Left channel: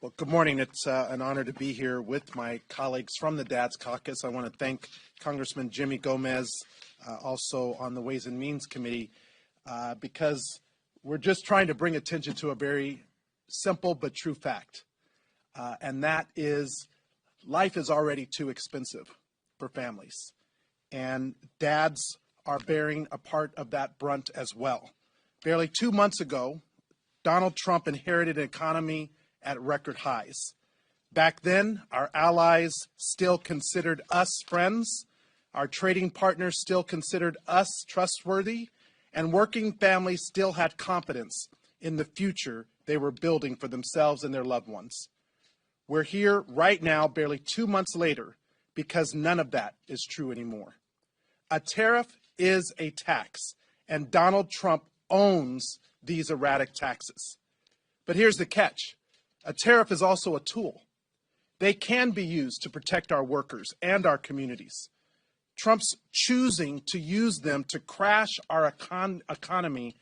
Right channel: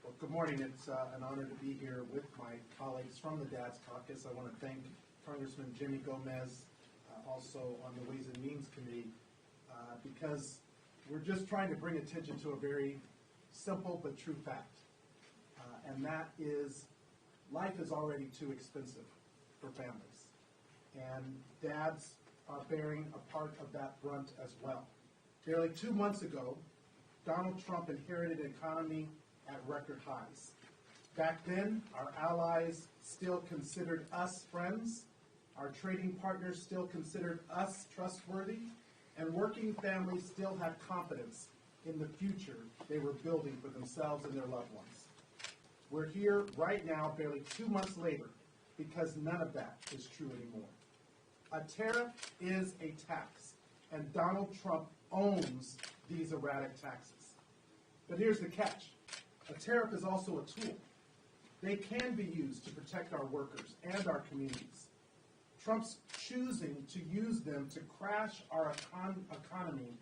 Well, good morning. It's an honor to be here with my colleagues from the Dads Caucus. I want to thank Congressman Jimmy Gomez, also on the Ways and Means Committee, because we're just trying to bring attention to a very simple but true fact, and that is life is already too expensive for families, and dads are bearing a part of that brunt as well. Barely 2 months ago, Donald Trump inherited an economy at record highs. Back then, our allies still considered us friends, our trading partners still considered us trustworthy, and working families still had confidence in the future they were building for themselves and their loved ones. We're here right now, barely 2 months later, because none of that is true anymore. A tariff is a tax, and Donald Trump owns these erratic taxes. But here's the catch. A tariff is also a tool. They can be used to protect our workers and our communities. Trump's choosing to use them to crash our economy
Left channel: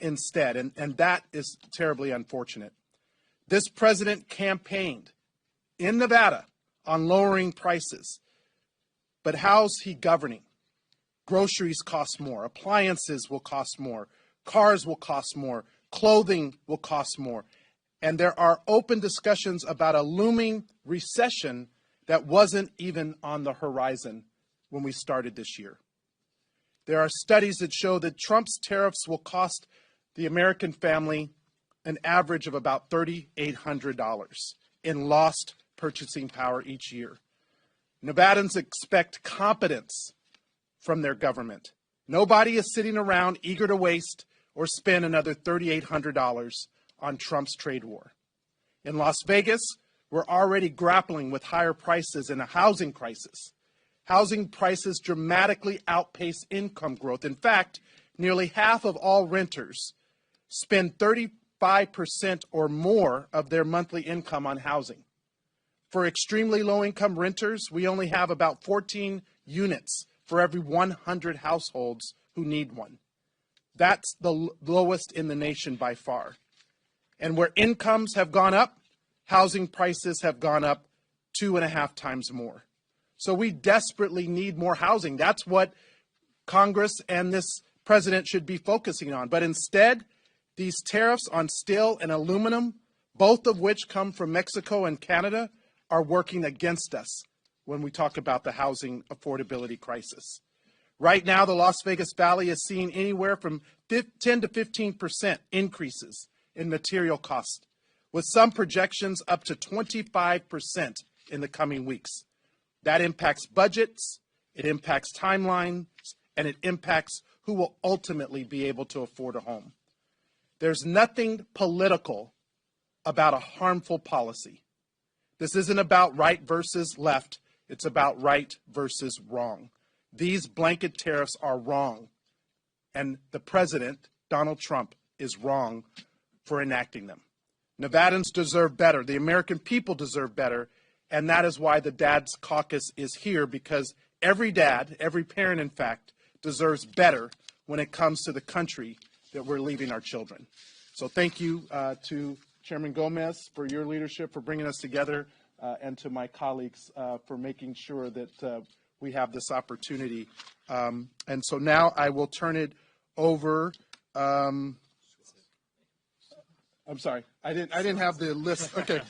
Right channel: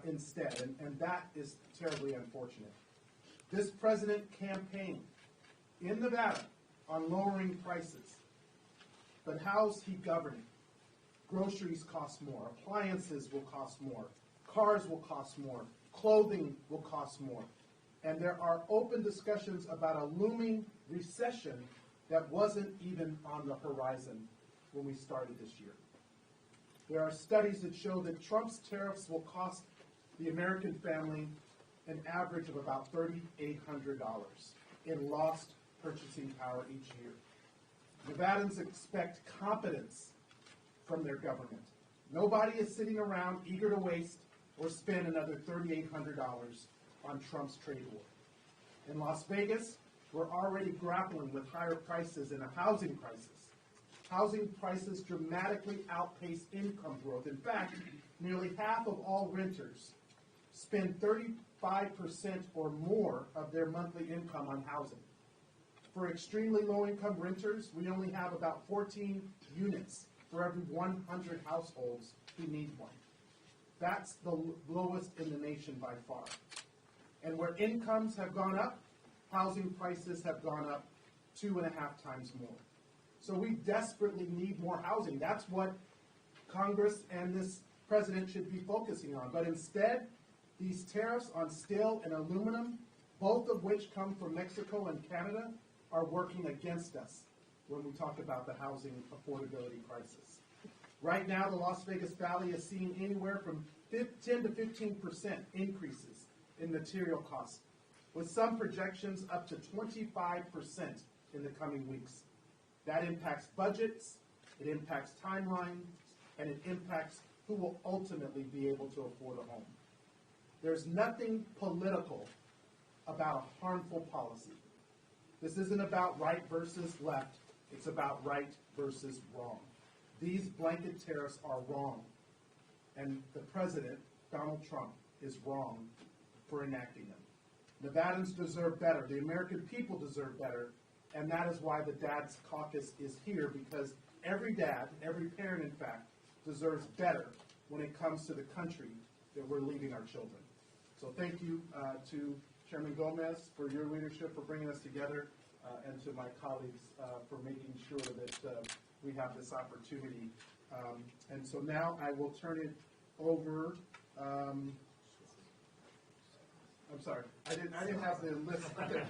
instead, and that is terribly unfortunate. This president campaigned in Nevada on lowering prices, but how's he governing? Groceries cost more, appliances will cost more, cars will cost more, clothing will cost more. And there are open discussions about a looming recession that wasn't even on the horizon when we started this year. There are studies that show that Trump's tariffs will cost the American family an average of about $3,800 in lost purchasing power each year. Nevadans expect competence from their government. Nobody is sitting around eager to waste or spend another $3,800 on Trump's trade war. In Las Vegas, we're already grappling with higher prices and a housing crisis. Housing prices dramatically outpace income growth. In fact, nearly half of all renters spend 35% or more of their monthly income on housing. For extremely low-income renters, we only have about 14 units for every 100 households who need one. That's the lowest in the nation by far. And where incomes have gone up, housing prices have gone up 2.5 times more. So we desperately need more housing. That's what Congress and this president should be focusing on. But instead, these tariffs on steel and aluminum, both of which come from Mexico and Canada, are working against us when we talk about the housing affordability crisis. Right now, the Las Vegas Valley is seeing anywhere from 10 to 15% increases in material costs, with some projections up to 25% in the coming weeks. That impacts budgets, it impacts timelines, and it impacts who will ultimately be able to afford a home. There's nothing political about a harmful policy. This isn't about right versus left, it's about right versus wrong. These blanket tariffs are wrong, and the president, Donald Trump, is wrong for enacting them. Nevadans deserve better. The American people deserve better, and that is why the Dads Caucus is here, because every dad, every parent, in fact, deserves better when it comes to the country that we're leaving our children. So thank you to Chairman Gomez for your leadership, for bringing us together, and to my colleagues for making sure that we have this opportunity. And so now I will turn it over. I'm sorry, I didn't have the list. Okay.